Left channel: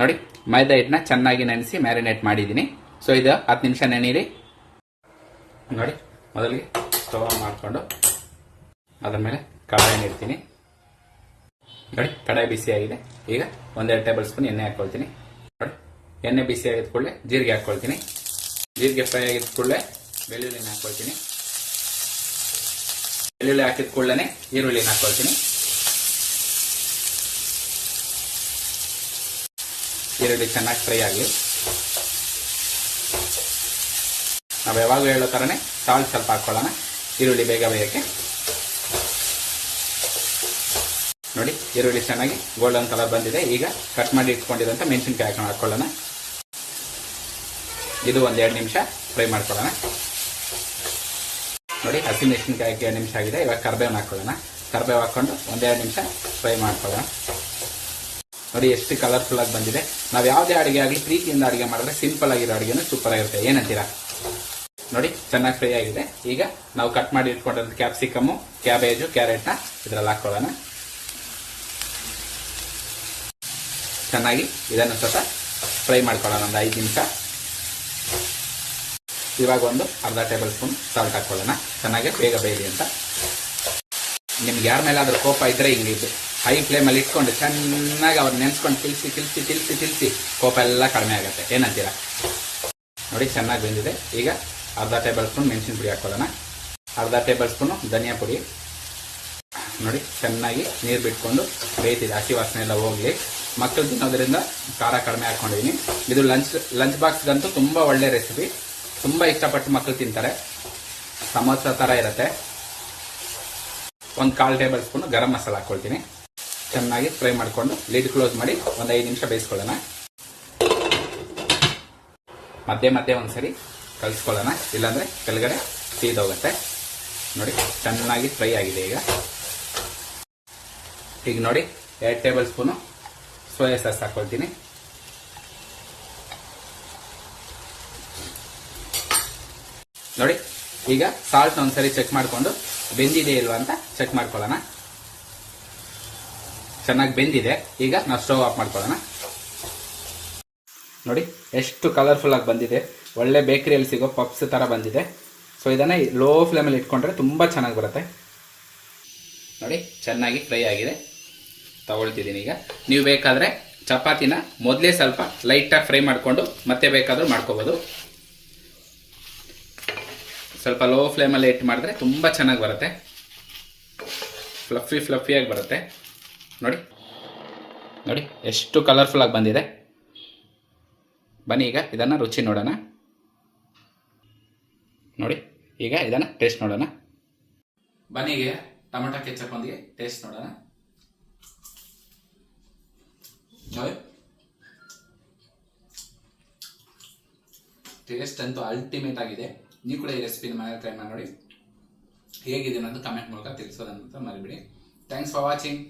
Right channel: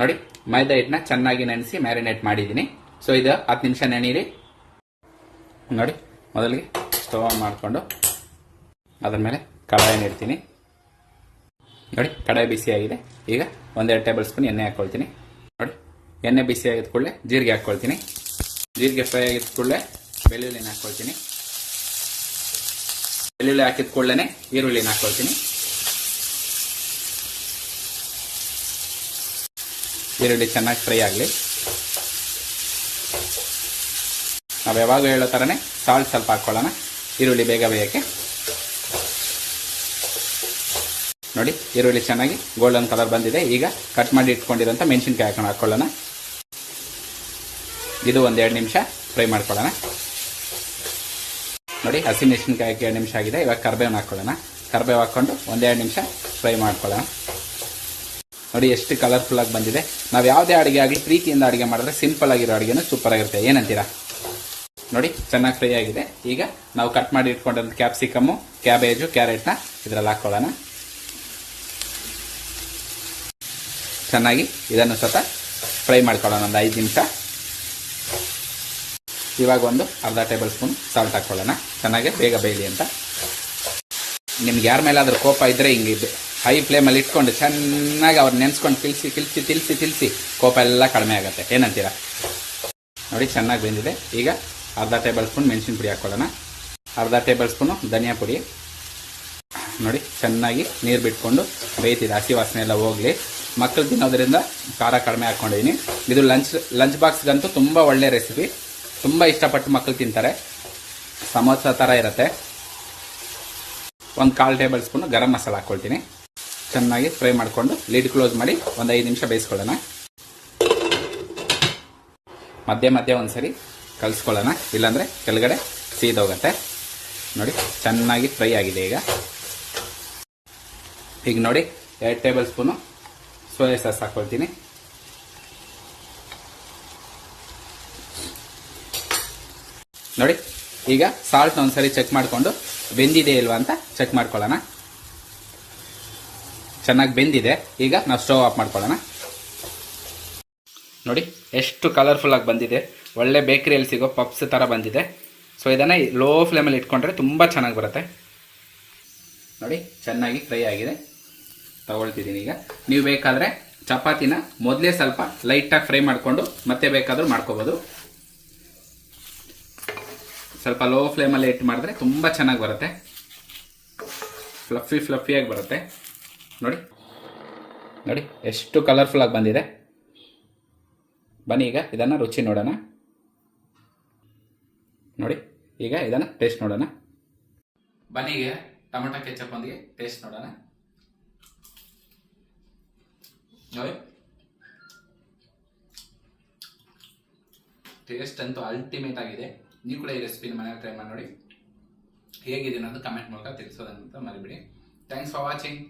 ನೋಡಿ ಮೈದಾ ಹಿಟ್ಟನ್ನ ಚೆನ್ನಾಗಿ ನೆನೆಸಿ ಮ್ಯಾರಿನೇಟ್ ಮಾಡಿದ್ದೀನಿ. ಸೊ ಇದು 10 ನಿಮಿಷ ನೆನೀರಿ. ನೋಡಿ ಮೊದಲಿಗೆ ಸ್ಟವ್ ಆನ್ ಮಾಡಿಕೊಂಡು ಅದ್ರ ಮೇಲೆ ಕಡಾಯಿ ಇಡ್ತೀನಿ. ನೋಡಿ ಕಡಾಯಿ ಬಿಸಿ ಆಗಿದೆ. ಈಗ 1-2 ಟೇಬಲ್ ಸ್ಪೂನ್ ಎಣ್ಣೆ ಹಾಕೊಳ್ತೀನಿ. ನೋಡಿ ಎಣ್ಣೆ ಬಿಸಿ ಆಗಿದ ಕೂಡಲೇ ಜೀರಿಗೆ ಹಾಕೊಳ್ತೀನಿ. ಜೀರಿಗೆ ಫ್ರೈ ಆಗಿದ ಕೂಡಲೇ ಬೆಳ್ಳುಳ್ಳಿನ ಹಾಕೊಳ್ತೀನಿ. ಬೆಳ್ಳುಳ್ಳಿ ಹಾಕಿದ ಕೂಡಲೇ ಈರುಳ್ಳಿನ ಹಾಕೊಳ್ತೀನಿ. ಈರುಳ್ಳಿ ಚೆನ್ನಾಗಿ ಫ್ರೈ ಆಗಲಿ. ನಾವು ಯಾವಾಗ ಹೇಳೋ ಥರನೇ ಸಾಲ್ಟ್ ಸ್ವಲ್ಪ ಹಾಕೊಳ್ಳೋಣ, ಈರುಳ್ಳಿ ಬೇಗ ಬೇಯಕ್ಕೆ. ನೋಡಿ ಈರುಳ್ಳಿ ಚೆನ್ನಾಗಿ ಗೋಲ್ಡನ್ ಕಲರ್ ಬಂದಿದೆ. ಈಗ ಕಟ್ ಮಾಡಿ ಇಟ್ಕೊಂಡಿರೋಂಥ ಮೆಣಸಿನ್ಕಾಯಿ ಹಾಕೊಳ್ಳೋಣ. ಇದು 1-2 ನಿಮಿಷ ಫ್ರೈ ಮಾಡ್ಕೊಳ್ಳೋಣ. ನೋಡಿ ಹಸಿ ಮೆಣಸಿನ್ಕಾಯಿ 2 ನಿಮಿಷ ಆಗಿದೆ. ಇವಾಗ ಕರಿಬೇವು ಹಾಕೊಳ್ಳೋಣ. ಕರಿಬೇವು ಹಾಕೊಂಡು 1-2 ನಿಮಿಷ ಫ್ರೈ ಮಾಡ್ಕೊಳ್ಳೋಣ. ನೋಡಿ ಎಷ್ಟು ಕಲರ್ಫುಲ್ ಆಗಿ ಬಂದಿದೆ. ನಾವು ಯಾವುದೇ ಅಡುಗೆ ಆಗಲಿ ಪ್ರೀತಿಯಿಂದ ಅಡುಗೆ ಮಾಡಿದ್ರೆ ಸಿಂಪಲ್ ಆಗಿರೋ ಅಡುಗೆನೂ ಸೂಪರ್ ಆಗಿರುತ್ತೆ. ಏನಂತೀರಾ? ನೋಡಿ ಚೆನ್ನಾಗಿ ಫ್ರೈ ಆಗಿದೆ. ಈಗ ನಾವು ಕಟ್ ಮಾಡಿ ಇಟ್ಕೊಂಡಿರೋ ಕ್ಯಾಪ್ಸಿಕಮ್ಮು, ಕ್ಯಾಬೇಜು, ಕ್ಯಾರೆಟ್ನ ಇದರಲ್ಲಿ ಹಾಕೊಳ್ಳೋಣ. ಚೆನ್ನಾಗಿ ಇದನ್ನು ಸ್ವಲ್ಪ ಫ್ರೈ ಮಾಡ್ಕೊಳ್ಳೋಣ 5 ನಿಮಿಷ. ಇವಾಗ ಒಂದು ಅರ್ಧ ಟೇಬಲ್ ಸ್ಪೂನ್ ಸಾಲ್ಟ್ ಹಾಕೊಳ್ಳೋಣ, ಚೆನ್ನಾಗಿ ಬೇಗ ಬೇಯಲಿ ಅಂತ. ನಿಮ್ಗೆ ಯಾರ ಮೇಲಾದ್ರೂ ಕೋಪ ಇದ್ರೆ ಹಿಂಗಿದ್ದು ಹೈ ಫ್ಲೇಮಲ್ಲಿ ಇಟ್ಕೊಂಡು ಚೆನ್ನಾಗಿ ಅವ್ರು ನೆನೆಸ್ಕೊಂಡು ತಿಳ್ಸಿ ಕೋಪ ಎಲ್ಲ ಕಡಿಮೆ ಆಗುತ್ತೆ. ಏನಂತೀರಾ? ನೋಡಿ ಚೆನ್ನಾಗಿ ಬೆಂದಿದೆ. ಈಗ ಅರ್ಧ ಟೇಬಲ್ ಸ್ಪೂನ್ ಮೆಣಸಿನ ಪುಡಿ ಹಾಕೊಳ್ಳೋಣ. ಅರ್ಧ ಟೇಬಲ್ ಸ್ಪೂನು ಧನಿಯಾ ಪುಡಿ. ನೋಡಿ ಚೆನ್ನಾಗಿ ನೀರು ಬಿಟ್ಕೊಂಡು ಬೇಯ್ತಿದೆ, ಹಸಿ ವಾಸನೆ ಎಲ್ಲ ಹೋಗಲಿ. ಮಕ್ಕಳು ತಿನ್ನೋದ್ರಿಂದ ಖಾರ ಕಡಿಮೆ ಹಾಕೊಂಡಿದ್ದೀನಿ. ಇದು ಲಂಚ್ ಬಾಕ್ಸ್ಗಂತೂ ತುಂಬ ಒಳ್ಳೆ ರೆಸಿಪಿ, ತುಂಬ ಇಷ್ಟಪಟ್ಟು ಮಕ್ಕಳು ತಿಂತಾರೆ. ಸಮೋಸ ಥರ ಇರುತ್ತೆ. 1/4 ಟೇಬಲ್ ಸ್ಪೂನ್ ಗರಂ ಮಸಾಲ ಹಾಕ್ಕೊಳ್ತೀನಿ. ಚೆನ್ನಾಗಿ ಫ್ರೈ ಮಾಡಿಕೊಂಡು ಲಿಡ್ ಕ್ಲೋಸ್ ಮಾಡಿ 5 ನಿಮಿಷ ಬೇಯಿಸ್ಕೊಳ್ಳೋಣ. ಮಧ್ಯೆ ಒಂದ್ಸರಿ ಕಲಿಸ್ಕೊಳ್ಳೋಣ, ಇಲ್ಲಾಂದರೆ ಕೆಳಗಡೆ ಸೀದೋಗುತ್ತೆ. ನೋಡಿ ಚೆನ್ನಾಗಿ ಫ್ರೈ ಆಗಿದೆ. ಈಗ ನೋಡಿ 2 ಟೇಬಲ್ ಸ್ಪೂನು ಸೋಯಾ ಸಾಸ್ ಹಾಕ್ಕೊಳ್ತೀನಿ. ನೋಡಿ ಈಗ ಸಾಲ್ಟ್ ಒಂದ್ಸರಿ ಚೆಕ್ ಮಾಡಿಕೊಂಡು ಬೆಂದಿದೆ ಇಲ್ವಾ ಅಂತ ಚೆಕ್ ಮಾಡ್ಕೊಳ್ಳೋಣ. ಚೆನ್ನಾಗಿ ಬೆಂದಿದೆ. ಈಗ ನಾವು ಸ್ಟವ್ ಆಫ್ ಮಾಡ್ಕೊಳ್ಳೋಣ. ನೋಡಿ ಎಷ್ಟು ಕಲರ್ಫುಲ್ ಆಗಿ ಬಂದಿದೆ. ಒಳ್ಳೆ ಬೇಕರಿಯಲ್ಲಿ ಸಿಗೋ ಪಪ್ಸ್ ಥರ ಬಂದಿದೆ. ಸೊ ಇದನ್ನು ಲೋ ಫ್ಲೇಮಲ್ಲಿ ಇಟ್ಕೊಂಡ್ರೆ ತುಂಬ ಚೆನ್ನಾಗಿ ಬರುತ್ತೆ. ನೋಡಿ ಚೆನ್ನಾಗಿ ಫ್ರೈ ಆಗಿದೆ. ತಗೊಳ್ತಿದ್ದೀನಿ. ಈಗ ನೀವು ಬೇಕಾದರೆ ಚಪಾತಿನ ಮೊದಲೇ ಸ್ವಲ್ಪ ಲೈಟಾಗಿ ಫ್ರೈ ಮಾಡಿಕೊಂಡು ಮತ್ತೆ ಬೇಕಾದರೂ ಮಾಡ್ಕೋಬೋದು. ಸ್ವಲ್ಪ ಲೋ ಫ್ಲೇಮಲ್ಲಿ ಇಟ್ಟು ಮಾಡಿದ್ರೆ ತುಂಬ ಚೆನ್ನಾಗಿ ಬರುತ್ತೆ. ಫ್ಲಫಿಯಾಗಿ ಬರುತ್ತೆ. ನೋಡಿ ಎಷ್ಟು ಕಲರ್ಫುಲ್ ಆಗಿ ಬಂದಿದೆ. ಬನ್ನಿ ಈಗ ಇದನ್ನು ರುಚಿ ನೋಡೋಣ. ನೋಡಿ ಈಗ ಇದನ್ನು ಟೇಸ್ಟ್ ನೋಡೋಣ. ಬನ್ನಿ ಈಗ ಟೊಮೆಟೊ ಕೆಚಪ್ ಒಂದಿಗೆ ಟೇಸ್ಟ್ ನೋಡೋಣ. ನೋಡಿ ಟೇಸ್ಟ್ ಅಂತೂ ಅಲ್ಟಿಮೇಟ್ ಆಗಿದೆ. ನೀವು ಕೂಡ ಈ ರೆಸಿಪಿನ ಮನೆಯಲ್ಲಿ ಟ್ರೈ ಮಾಡಿ ನೋಡಿ. ಹೇಗಿದೆ ಅನ್ನೋದು ಕಮೆಂಟ್ ಮೂಲಕ ತಿಳಿಸೋದಂತ ಮರಿಬೇಡಿ. Thanks for watching.